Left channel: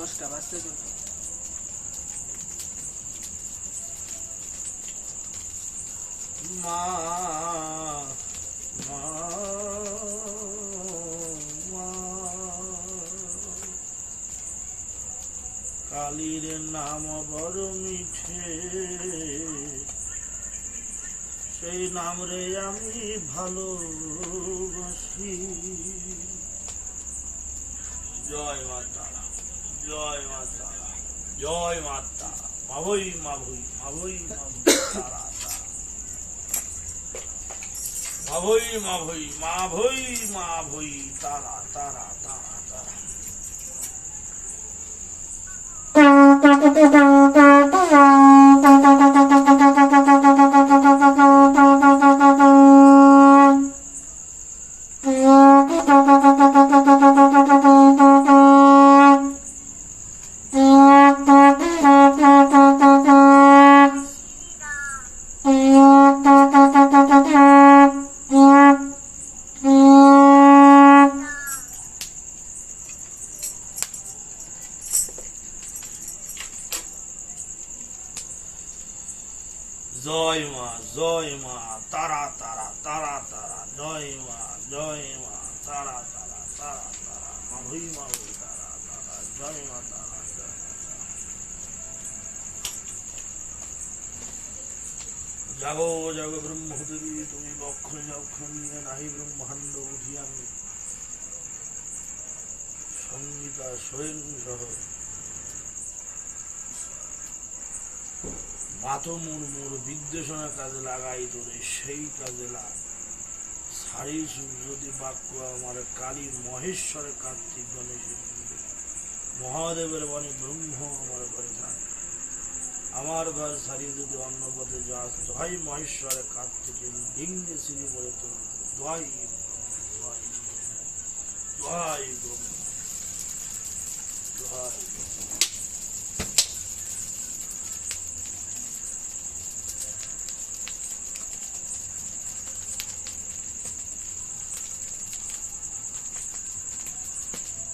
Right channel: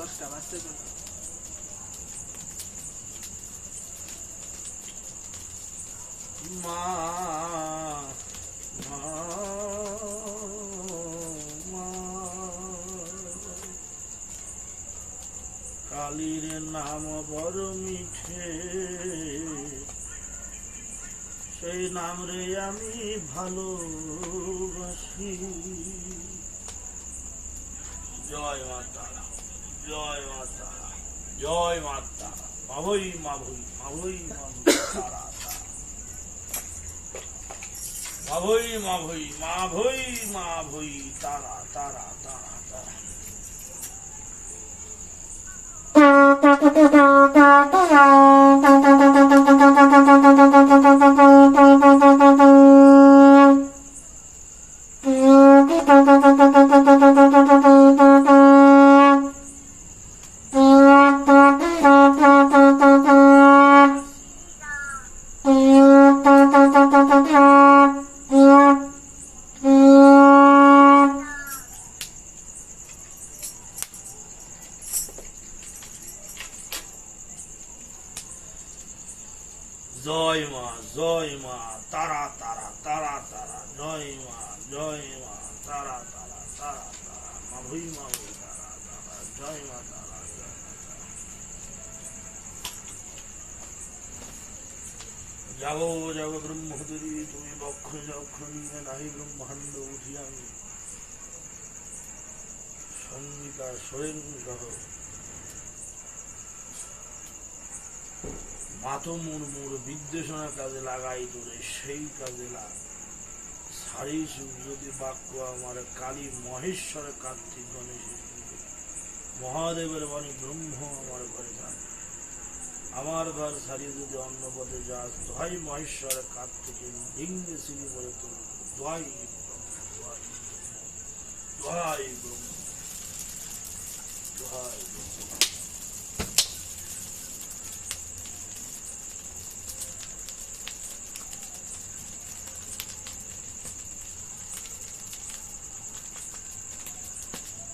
দশটা বাজতে চলো মা কালীর নাম বড় মিছে সেই নাম রে আমি ভালোবাসি। জয়। よいまったらよいまったまぶいまぶいまぶいまぶいたらまぶいまぶいまぶいまぶいたらたらたらたら Thank you. জয় মা জয় মা তারা তারা তারা তারা জয় মা জয় মা তারা তারা তারা তারা মাভই মাভই তারা তারা জয় মা তারা জয় মা তারা জাগো জাগো ব্রহ্মদেবী তুমি বক্ষ যক্ষ নিয়ে নাহি ব্রহ্মাণ্ড উঠি আমি সঙ্গীতা স্বয়ং সহ মাত মুরমুর বিদ্বেষণার কাজে লাগাই তোরে সেই কাজে লাগ। সারি যদি বাক্য আমার কালী মহেশ্বর কার্তিক গণেশ মহাদেবের বাণী ব্রহ্ম আমার ঘরে থাকে আমার ঘর ছাড়িয়ে যদি অন্য পথে যাস দোহাই মহেশ্বর কার্তিকের ডিঙ্গে সিঁড়ি বলে তো দোহাই ব্রহ্ম, দোহাই ব্রহ্ম, দোহাই ব্রহ্ম।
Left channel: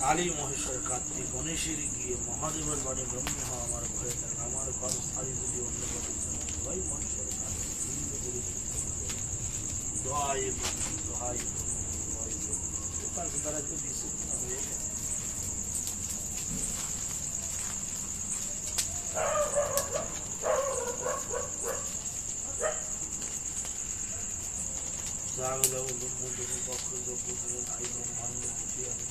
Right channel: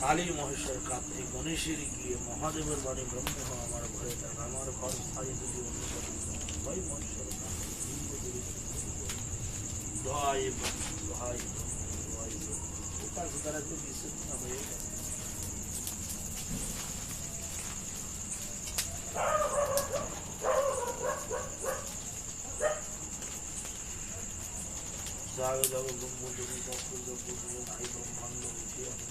কালী মহেশ্বর কার্তিক গণেশের গিয়ে মহাদেবের বাড়ি ব্রহ্ম আমার ঘরে থাক আমার ঘর সারি যদি অন্য বাড়ি ভাই মহেশ্বর কার্তিক লিঙ্গ ধরে জয় ব্রহ্ম জয় ব্রহ্ম জয় ব্রহ্ম কোথায় কোথায় তো বিশুদ্ধ হয়ে যায় তুমি নাই ব্রহ্মাণ্ড উঠে আমি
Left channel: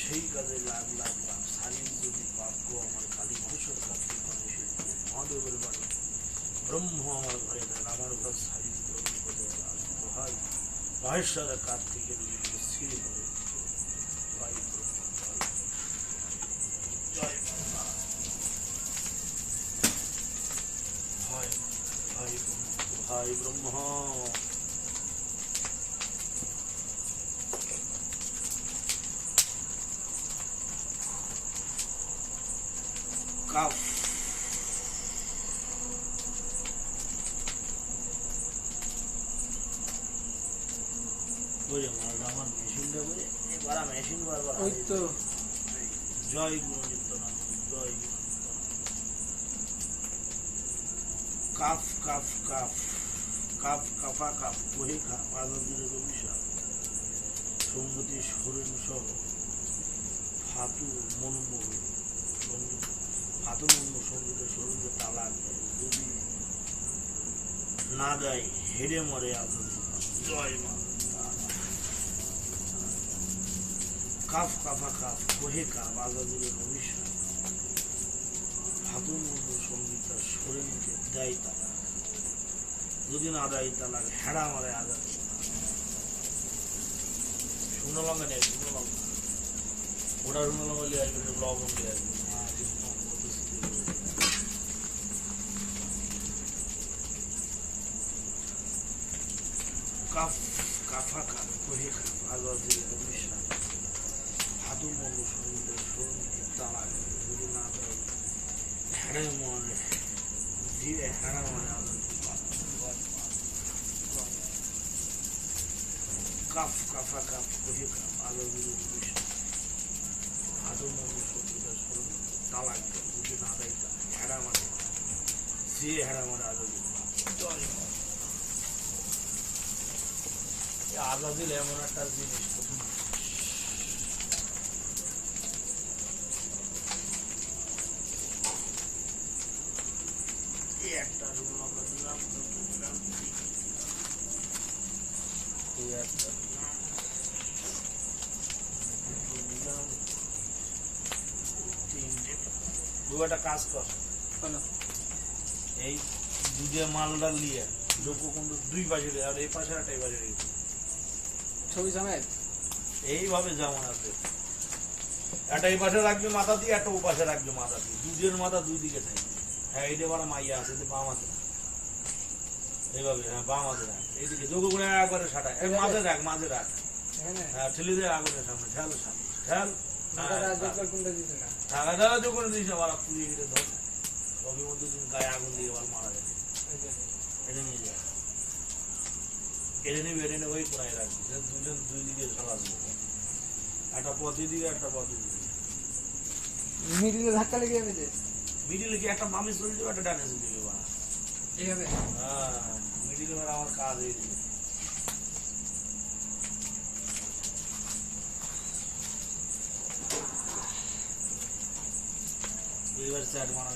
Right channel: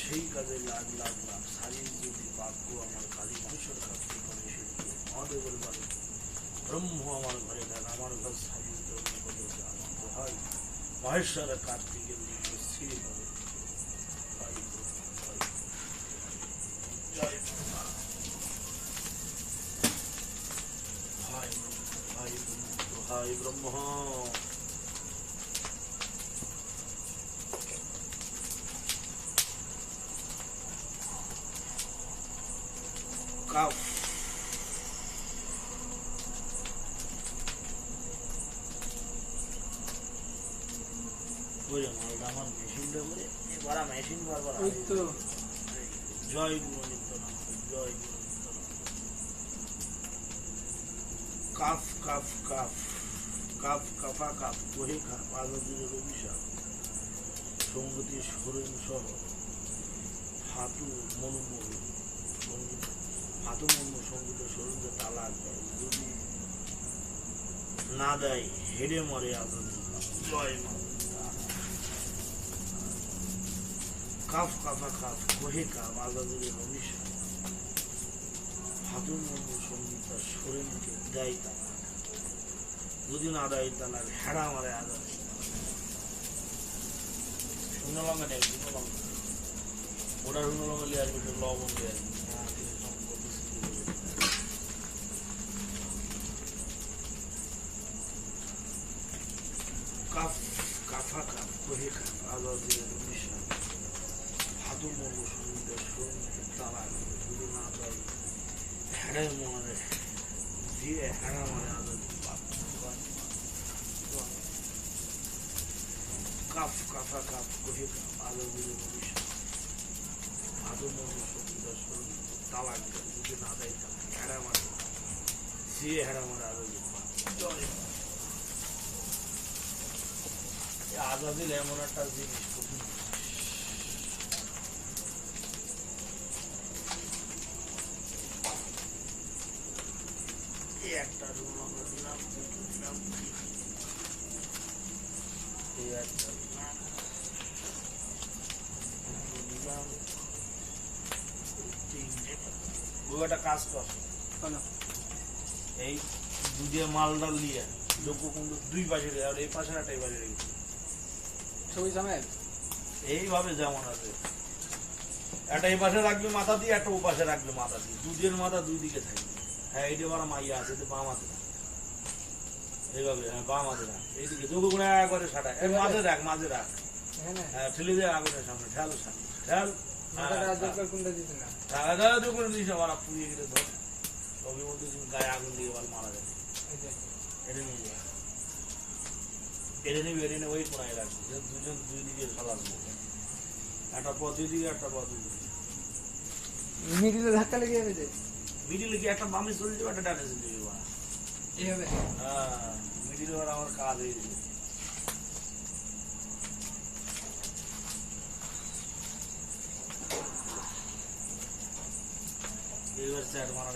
সেই কাজে লাগ লাগ লাগ সালিম যদি বাক্য আমার কালী মহেশ্বর কাছে করে সে মহাদেবের বাড়ি? ব্রহ্ম আমার ঘরে দেন, আমার ঘর সালিম করে আমার ভাই মহেশ্বরের কার্তিকের লিঙ্গে স্থির হবে জয় ব্রহ্ম, জয় ব্রহ্ম। জয় ব্রহ্ম। হায় হায় ব্রহ্ম হায় ব্রহ্ম কাফ বুঝে মালটা আমার মেশিনটা করে এবার মেশিন বারবার ওই তো জয় গুরু নিত্যানন্দ জয় গুরু নিত্যানন্দ কাফ কাফ কাফ কাফ, কাফা আজাদির অভিশাপ সঙ্গতি সুরেন সহ ফাতু ফাতু সংগীত সরঞ্জ তালাক যদি না দেয়, হেরে মরে জয় মা। কাফ, কাফা, কাফ কোহে আজাদির অভিশাপ সঙ্গীতা সরে মুখে দেয় তালা যদি না দেয় তালা হেড়া মারে আজাদ শুকনো লঙ্কা নেই লঙ্কা ওটা লঙ্কা নিয়ে আসবে একটু লবণ দিয়ে আসবে। হ্যাঁ কাফ দেয় মরে দিয়ে হেড়া মারে কাপ কহে কাপ আগার দিকে মিশ্রা হাদু মধু সঙ্গীতা সরে মুখে তালা যদি না দেয় তালা হেড়া মারে দিয়ে হেড়া মারে জয় এই এমন একটা জিনিস কঠিন একটা দিলাম দুটো দিলাম তিনটে তুই একটা কাজ কর। এই দুধে মালডাল দিয়ে লোক কিন্তু দুই পাশে আর এই পাশে একটা এই পাশে ছবি সমেত এইভাবে যেমন আছে। একটা এই পাশে রাখবে মাথা দিয়ে একটা ও পাশে রাখবে মাথা দিয়ে। দুধের মাথা দুই দিকে থাকবে হ্যাঁ এইটা আবার মাইয়া আছে বাম হাতে এইভাবে হ্যাঁ বাম হাতে রাখ এইদিকে যোগ গুণে একবারে সাটা এই মাঝে রাখ মাঝে রাখ। হ্যাঁ ঠেলে দিয়ে আগুনের সামনে। ঠেল সামনে ঠেল। মাথা রাজদরকার কোনটা দিতে না? টাকাটা যখন দিস আবার পুড়িয়ে গেলে ধর। সবের মধ্যে দিন গায়ে আগুন দিয়ে আবার মারা যাবে এটা নিয়ে যা। এটা নিয়ে ওই কোনায় রাখবি দুজন দুই দিকে চালাবি একটা পথে দিকে একটা পথে দিকে মিডিলে ধাক্কা লেগে যাবে যে মিডিলে কি একটা বামে চলে যাবে একটা ডানে চলে যাবে? এইভাবে? হ্যাঁ মিডিলে আমার কাজ হয়ে গেছে। ఇదివరసాటి మన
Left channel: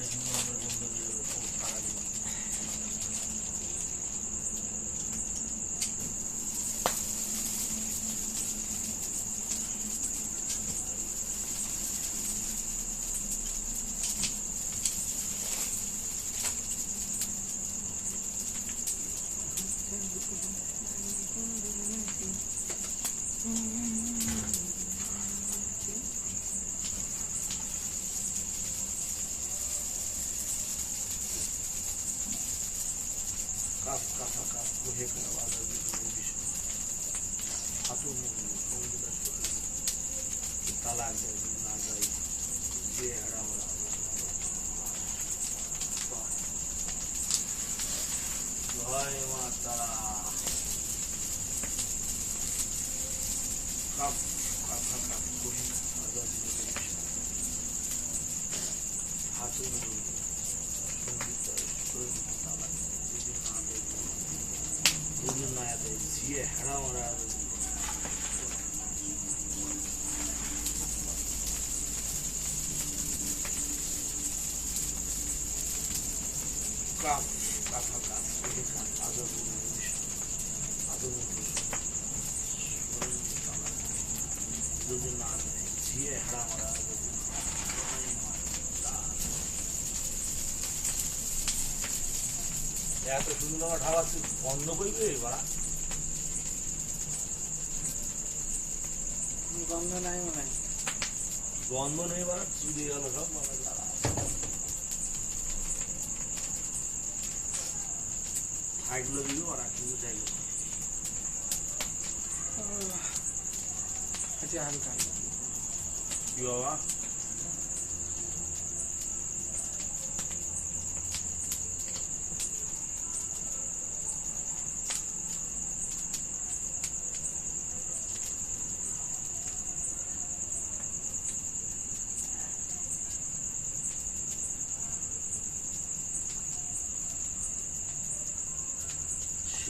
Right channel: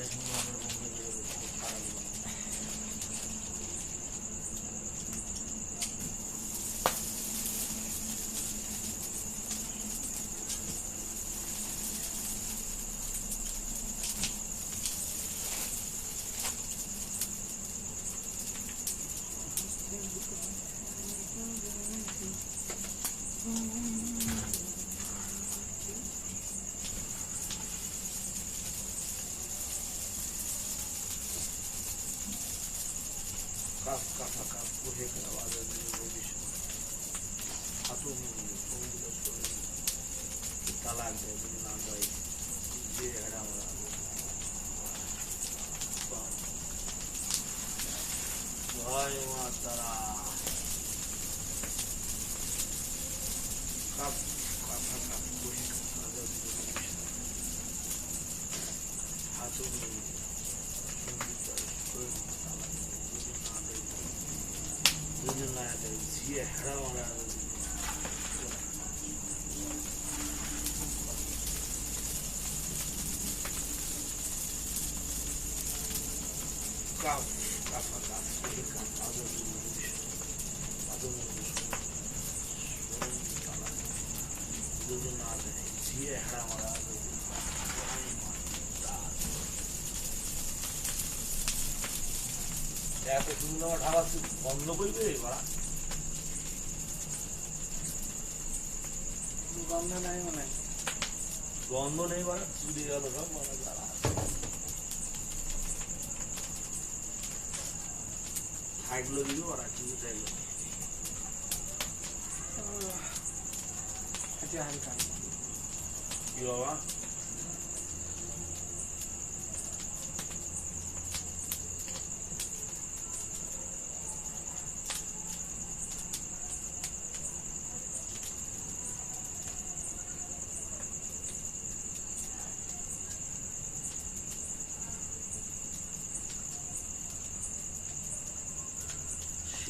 জয় মা তারা কাপ কাপা কাপ কোহে আওয়াজ দিয়ে বলিস হাতু মুড়ি সংগীত চলে তালাক দেয় যদি না দেয় যদি না দেয় দিয়ে হারা মারা কাপ কাপা কাপ কোহে কাপ আদর আদর যদি না দেয় দিয়ে হারা মারা এত সুন্দর খাবার বন্ধ করবে বাড়া গন্ধ নাই মনে? গন্ধ নেই বাড়া চুরি গেল সব মানে বাড়া হাইগুলো দিল ওরা কিন্তু চাইল না। আচ্ছা হালকা। কি বাবা?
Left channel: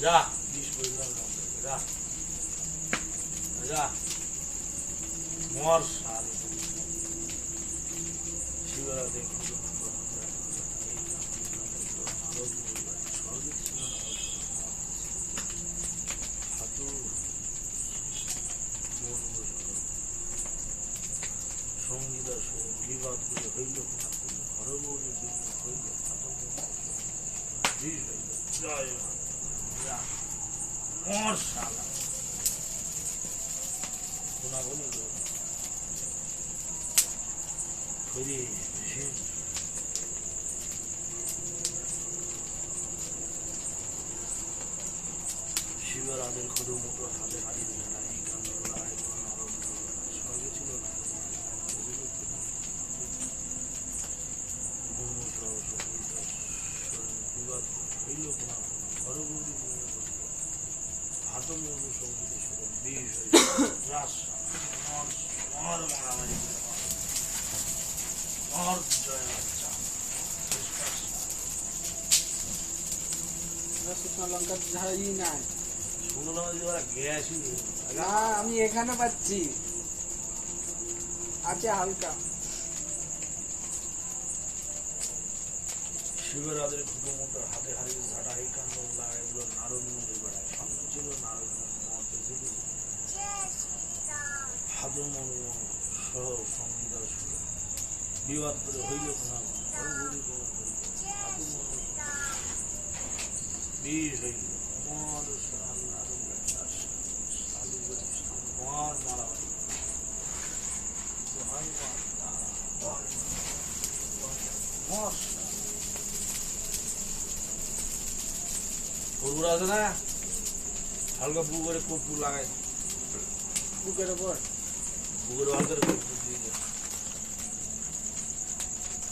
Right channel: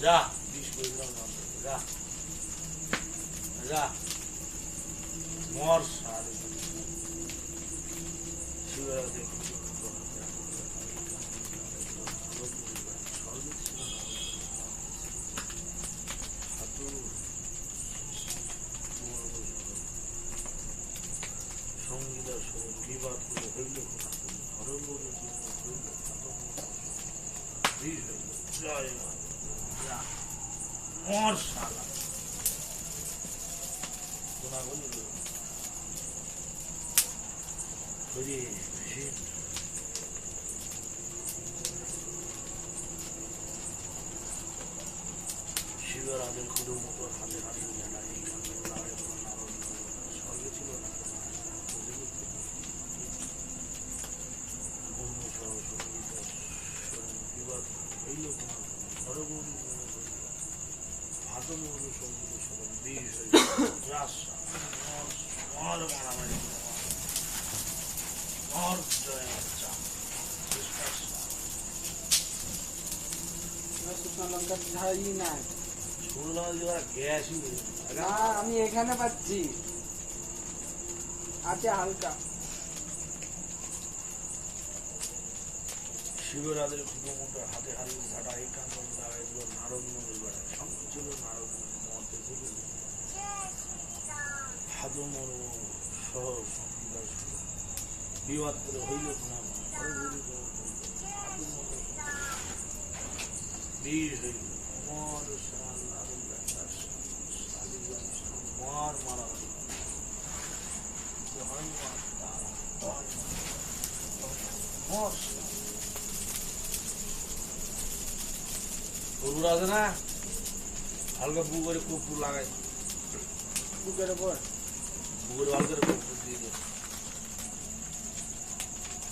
যা যা যা মর সার শিবরাত্রি সঙ্গীতা বিবাদ করে হইল কোনা ঘরে বলে হইল বিষ হইল জয় মা যা মর শালা কোনা বলি হইলে শিবের আদের খুদু মতো হাতে হাতে জানা এই কান্দের লড়াই করে নরম স্বর্গে ছিল হইল কোনা ঘরে বৌদি হাত মৌদি সংগীত স্মরণ বিষ রাস মর মর মারামারি করে মর। মর জয় বাচ্চা শুকনো লঙ্কার ঝাড়ই নাই শুনলাম যে ওরা গ্যাসই না আমি এখানে পাচ্ছি। আছে হালকা। শিবরাদের মোটো হাতে হারিয়ে ঝাড়া এই কান্দন এগুলো নারদ নদী বেড়ায়। ছিল নারদ ছিল ভাদ সহ সঙ্গীতা ছিল বিবাদ করে হইল না ভাদ মর্ম বীর হইল মর সাল নারদ মর মারামারি হয় মার তারা হয় মর ফুলগুলো আছে না হালকা বু করে কর্পূর লাগাই বুকের ওপর বুকের হালকা কর্পূর